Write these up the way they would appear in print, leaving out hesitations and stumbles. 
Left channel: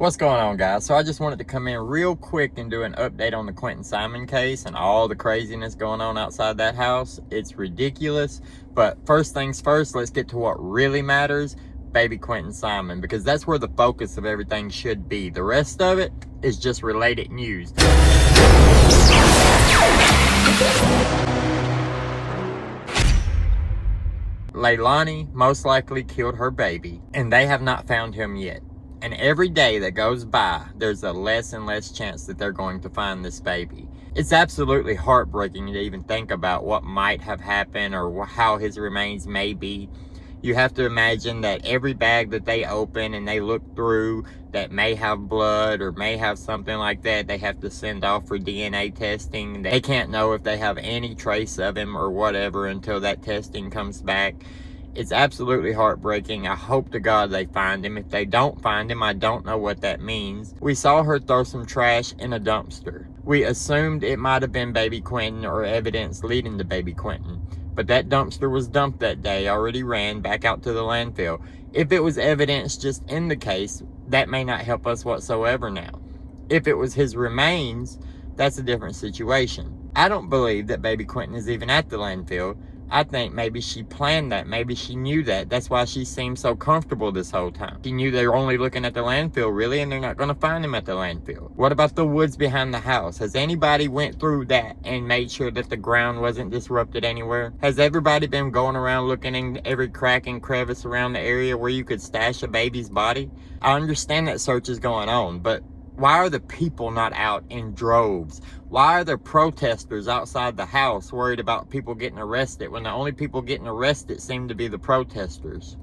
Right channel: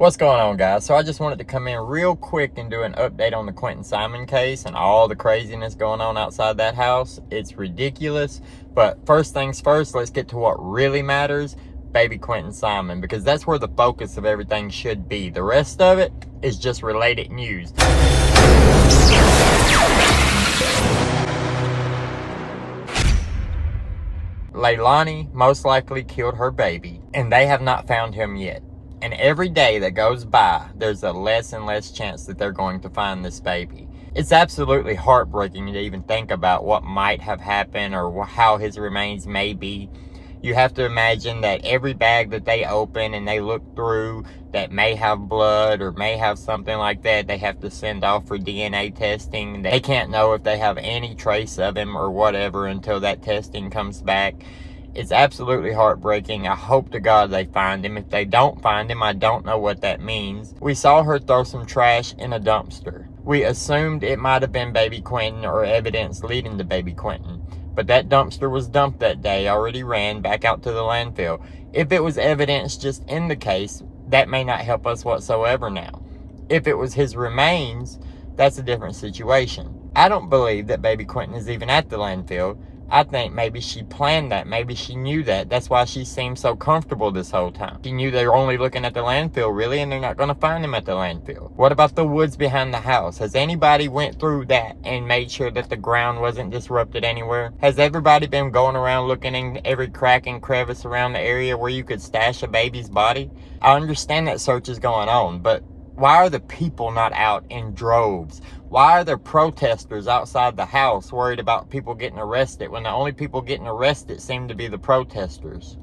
What's going on, guys? So I just wanted to come in real quick and do an update on the Quinton Simon case and all the craziness going on outside that house. It's ridiculous. But first things first, let's get to what really matters, baby Quinton Simon, because that's where the focus of everything should be. The rest of it is just related news. Leilani most likely killed her baby, and they have not found him yet. And every day that goes by, there's a less and less chance that they're going to find this baby. It's absolutely heartbreaking to even think about what might have happened or how his remains may be. You have to imagine that every bag that they open and they look through that may have blood or may have something like that, they have to send off for DNA testing. They can't know if they have any trace of him or whatever until that testing comes back. It's absolutely heartbreaking. I hope to God they find him. If they don't find him, I don't know what that means. We saw her throw some trash in a dumpster. We assumed it might have been baby Quinton or evidence leading to baby Quinton. But that dumpster was dumped that day, already ran back out to the landfill. If it was evidence just in the case, that may not help us whatsoever now. If it was his remains, that's a different situation. I don't believe that baby Quinton is even at the landfill. I think maybe she planned that. Maybe she knew that. That's why she seemed so comfortable this whole time. She knew they were only looking at the landfill, really, and they're not going to find him at the landfill. What about the woods behind the house? Has anybody went through that and made sure that the ground wasn't disrupted anywhere? Has everybody been going around looking in every crack and crevice around the area where you could stash a baby's body? I understand that search is going on, but why are the people not out in droves? Why are there protesters outside the house worried about people getting arrested when the only people getting arrested seem to be the protesters?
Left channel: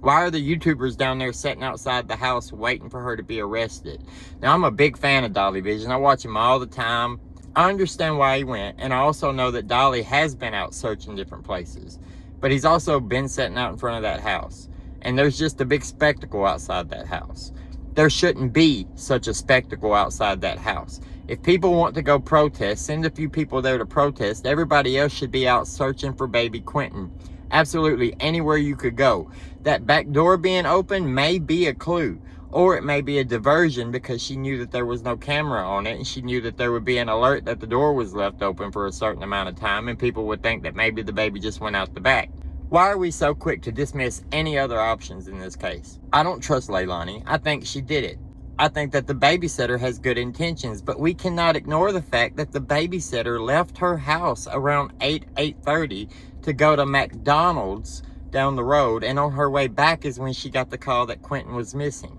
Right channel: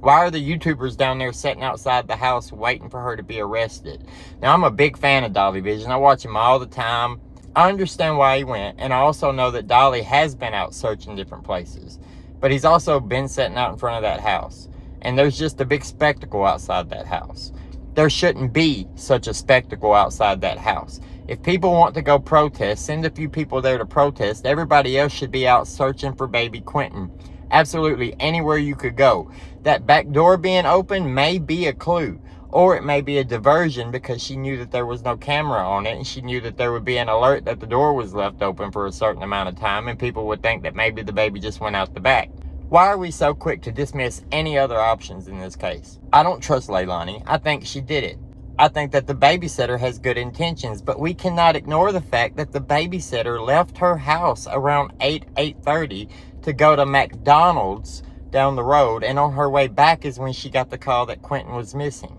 Why are the YouTubers down there sitting outside the house waiting for her to be arrested? Now, I'm a big fan of Dolly Vision. I watch him all the time. I understand why he went, and I also know that Dolly has been out searching different places. But he's also been sitting out in front of that house. And there's just a big spectacle outside that house. There shouldn't be such a spectacle outside that house. If people want to go protest, send a few people there to protest. Everybody else should be out searching for baby Quinton. Absolutely anywhere you could go. That back door being open may be a clue. Or it may be a diversion because she knew that there was no camera on it. And she knew that there would be an alert that the door was left open for a certain amount of time. And people would think that maybe the baby just went out the back. Why are we so quick to dismiss any other options in this case? I don't trust Leilani. I think she did it. I think that the babysitter has good intentions, but we cannot ignore the fact that the babysitter left her house around 8:30 to go to McDonald's down the road, and on her way back is when she got the call that Quinton was missing.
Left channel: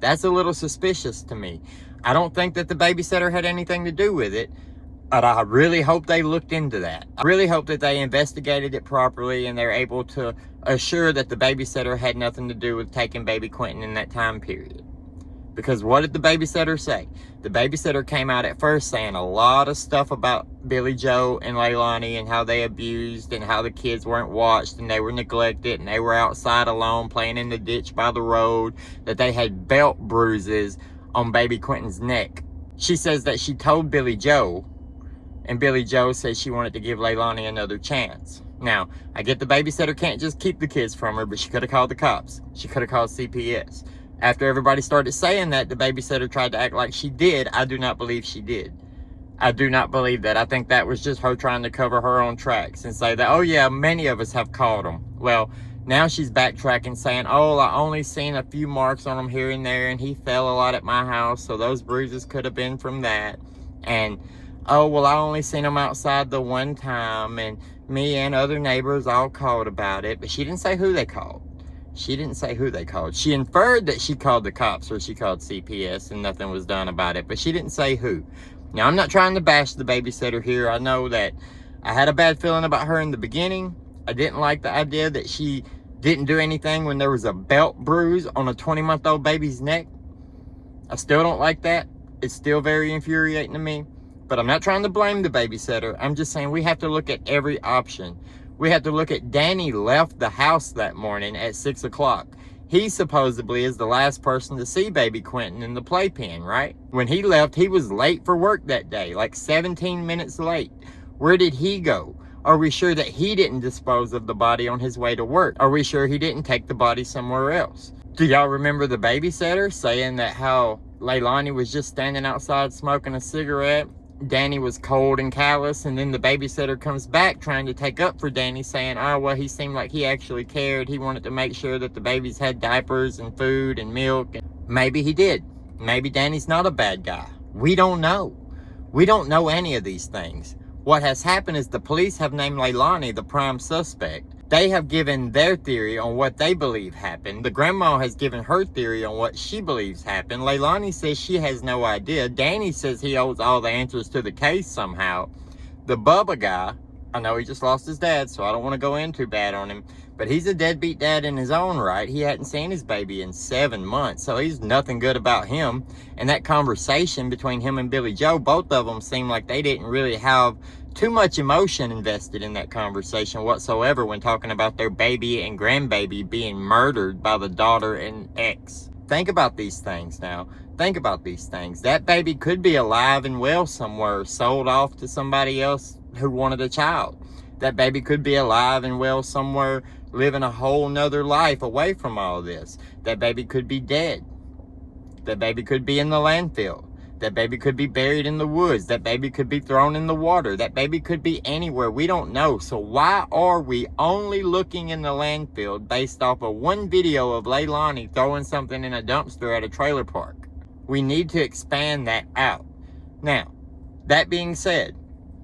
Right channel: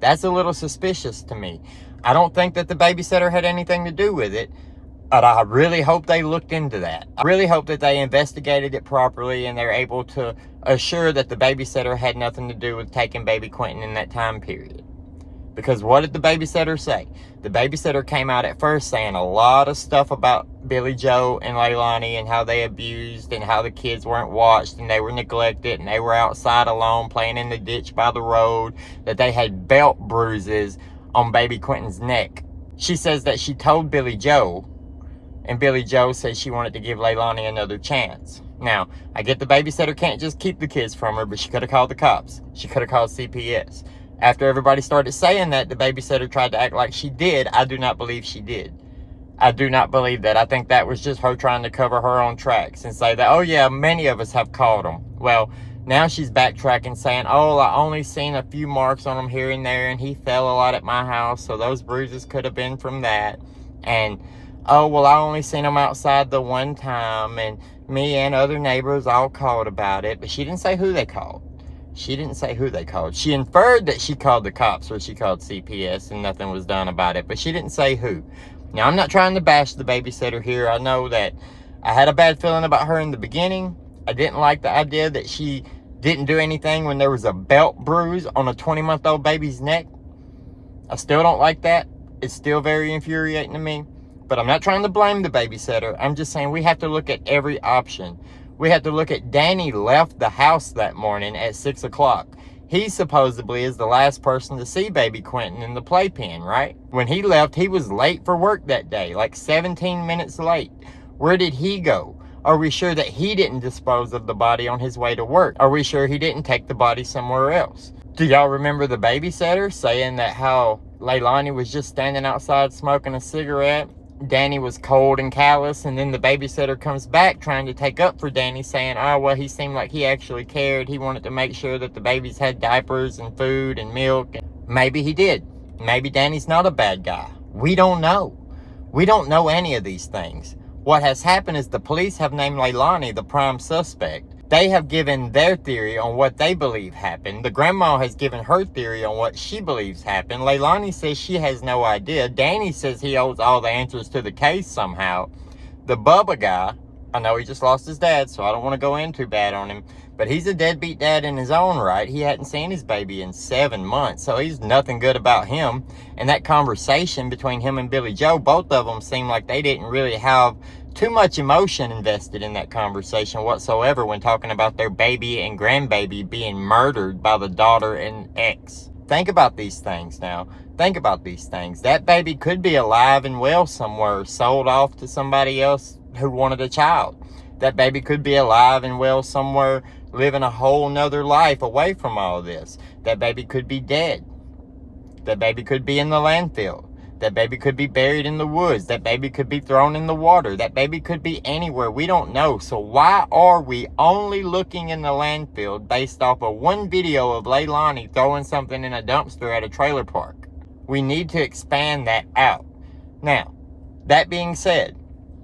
That's a little suspicious to me. I don't think that the babysitter had anything to do with it, but I really hope they looked into that. I really hope that they investigated it properly and they're able to assure that the babysitter had nothing to do with taking baby Quinton in that time period. Because what did the babysitter say? The babysitter came out at first saying a lot of stuff about Billy Joe and Leilani and how they abused and how the kids weren't watched and they were neglected and they were outside alone playing in the ditch by the road, that they had belt bruises on baby Quinton's neck. She says that she told Billy Joe, and Billy Joe says she wanted to give Leilani another chance. Now, I get the babysitter can't just keep the kids from her, but she could have called the cops. She could have called CPS. After everybody started saying that, the babysitter tried to act like she did. I do not believe she did. I do not believe that. I think that was just her trying to cover her own tracks and say that, oh yeah, many of us have called him. Well, now she's backtracking saying, oh, I only seen a few marks on him here and there and he fell a lot at my house, so those bruises could have been from that. And, oh, well, I only seen him outside the one time and me and other neighbors all called about it. But she didn't say who they called. She didn't say who they called. She inferred that she called the cops or she called CPS and nothing was done about it, but she didn't say who. Now, I'm not trying to bash the babysitter here. I know that I had a bad feeling about her in the beginning. I didn't like the idea that she didn't do anything when there was a belt bruise on a 20-month-old baby's neck. I still don't like that. It's still very infuriating to me. But I'm not trying to blame the babysitter. I'm just saying we have to look at every option. We have to look at Danny left the house that morning at 6 o'clock. He supposedly is the last person to see baby Quinton in the playpen, right? When he left, he was late for work that day, like 17 minutes late. Where did he go? Are we sure that he didn't dispose of the body on his way to work? Are we sure he didn't take the body somewhere else? Do y'all remember the babysitter saying that how Leilani was just standing outside smoking a cigarette? Danny was cold and callous, and then the babysitter comes back trying to take up for Danny, saying, oh, well, he seemed like he actually cared. He wanted to make sure that the babies had diapers and food and milk. Maybe he did. Maybe Danny's not a bad guy. We don't know. We don't know any of these things. What has happened is the police have named Leilani the prime suspect. They have given their theory on what they believe happened. The grandma has given her theory on what she believes happened. Leilani says she has no idea. Danny says he owes all the answers to the case somehow. The Bubba guy, I know he just lost his dad, so I don't want to go in too bad on him, but he's a deadbeat dad in his own right. He hadn't seen his baby in 7 months, so he's nothing good about him. And that conversation between him and Billy Joe, both of them seemed like they didn't really have too much emotion invested in that conversation whatsoever when talking about their baby and grandbaby being murdered by the daughter and ex. Think about these things now. Think about these things. That baby could be alive and well somewhere, sold off to somebody else who wanted a child. That baby could be alive and well somewhere, living a whole nother life away from all this. That baby could be dead. That baby could be in the landfill. That baby could be buried in the woods. That baby could be thrown in the water. That baby could be anywhere. We don't know. So why are we only looking in the landfill based off of one video of Leilani throwing something in a dumpster at a trailer park? We need to expand that out. Now, that being said,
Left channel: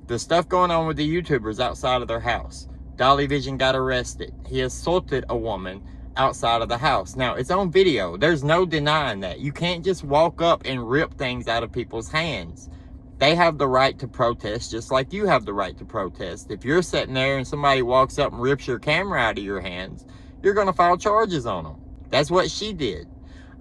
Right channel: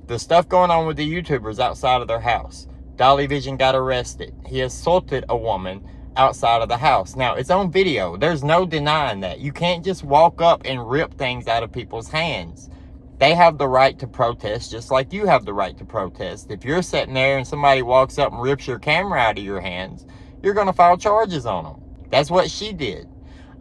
the stuff going on with the YouTubers outside of their house. Dolly Vision got arrested. He assaulted a woman outside of the house. Now, it's on video. There's no denying that. You can't just walk up and rip things out of people's hands. They have the right to protest just like you have the right to protest. If you're sitting there and somebody walks up and rips your camera out of your hands, you're going to file charges on them. That's what she did.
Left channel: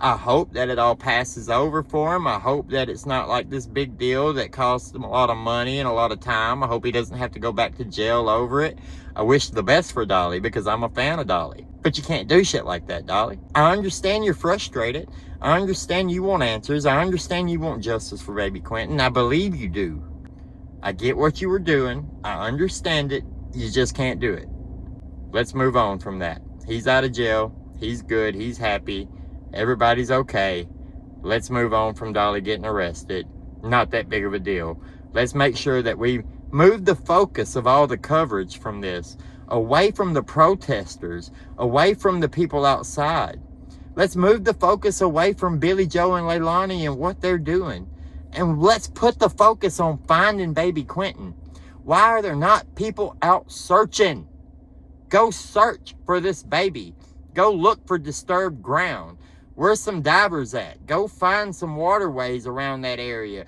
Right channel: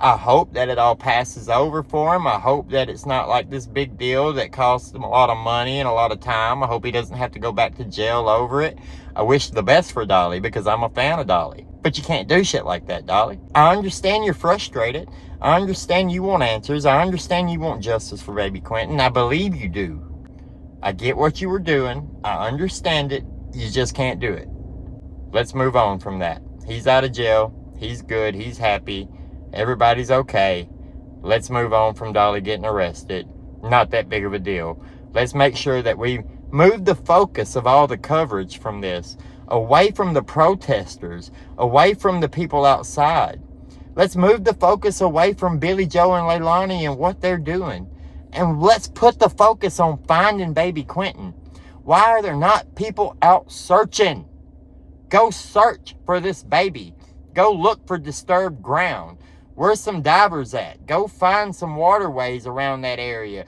I hope that it all passes over for him. I hope that it's not like this big deal that costs him a lot of money and a lot of time. I hope he doesn't have to go back to jail over it. I wish the best for Dolly because I'm a fan of Dolly. But you can't do shit like that, Dolly. I understand you're frustrated. I understand you want answers. I understand you want justice for baby Quinton. I believe you do. I get what you were doing. I understand it. You just can't do it. Let's move on from that. He's out of jail. He's good. He's happy. Everybody's okay. Let's move on from Dolly getting arrested. Not that big of a deal. Let's make sure that we move the focus of all the coverage from this away from the protesters, away from the people outside. Let's move the focus away from Billy Joe and Leilani and what they're doing. And let's put the focus on finding baby Quinton. Why are there not people out searching? Go search for this baby. Go look for disturbed ground. Where's some divers at? Go find some waterways around that area.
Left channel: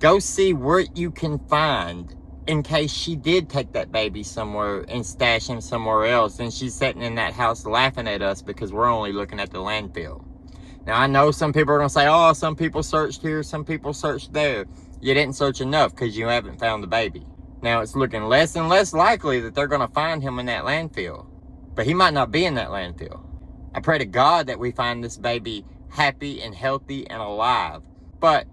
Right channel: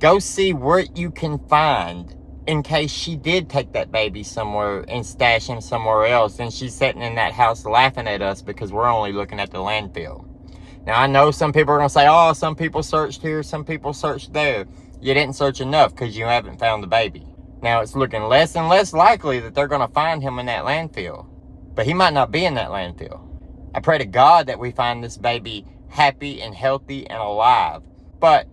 Go see what you can find in case she did take that baby somewhere and stash him somewhere else, and she's sitting in that house laughing at us because we're only looking at the landfill. Now, I know some people are going to say, oh, some people searched here, some people searched there. You didn't search enough because you haven't found the baby. Now, it's looking less and less likely that they're going to find him in that landfill. But he might not be in that landfill. I pray to God that we find this baby happy and healthy and alive. But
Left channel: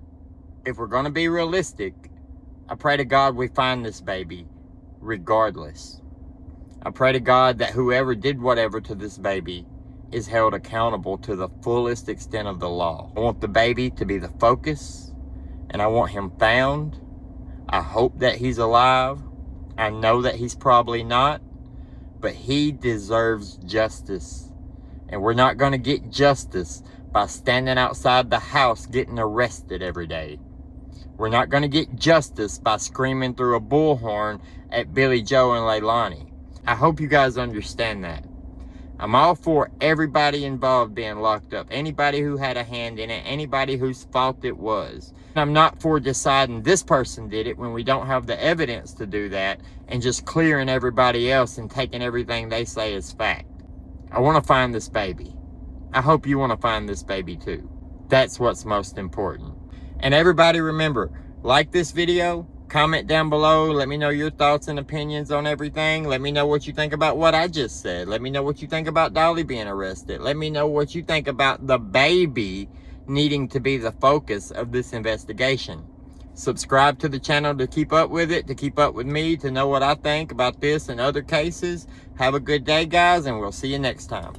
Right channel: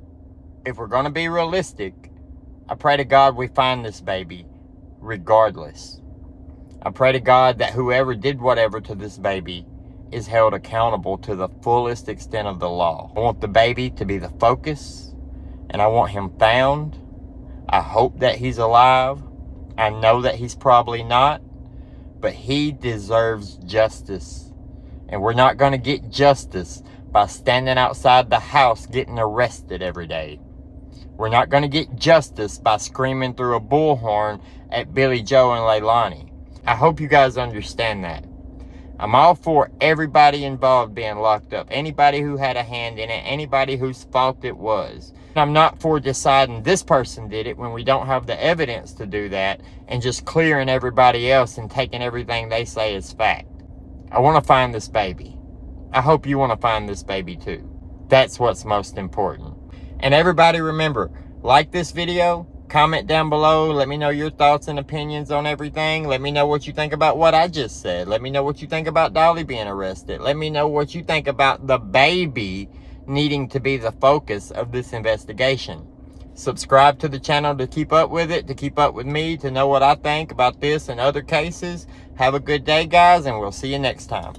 if we're going to be realistic, I pray to God we find this baby regardless. I pray to God that whoever did whatever to this baby is held accountable to the fullest extent of the law. I want the baby to be the focus, and I want him found. I hope that he's alive. I know that he's probably not, but he deserves justice. And we're not going to get justice by standing outside the house getting arrested every day. We're not going to get justice by screaming through a bullhorn at Billy Joe and Leilani. I hope you guys understand that. I'm all for everybody involved being locked up. Anybody who had a hand in it. Anybody whose fault it was. I'm not for deciding this person did it when we don't have the evidence to do that and just clearing everybody else and taking everything they say as fact. I want to find this baby. I hope you want to find this baby too. That's what's most important. And everybody remember, like this video, comment down below, let me know your thoughts and opinions on everything. Let me know what you think about what I just said. Let me know what you think about Dolly being arrested. Let me know what you think about the baby needing to be the focus of this investigation. Subscribe to the channel to keep up with it, to keep up with me, to know what I think about this and other cases. Have a good day, guys, and we'll see you next time.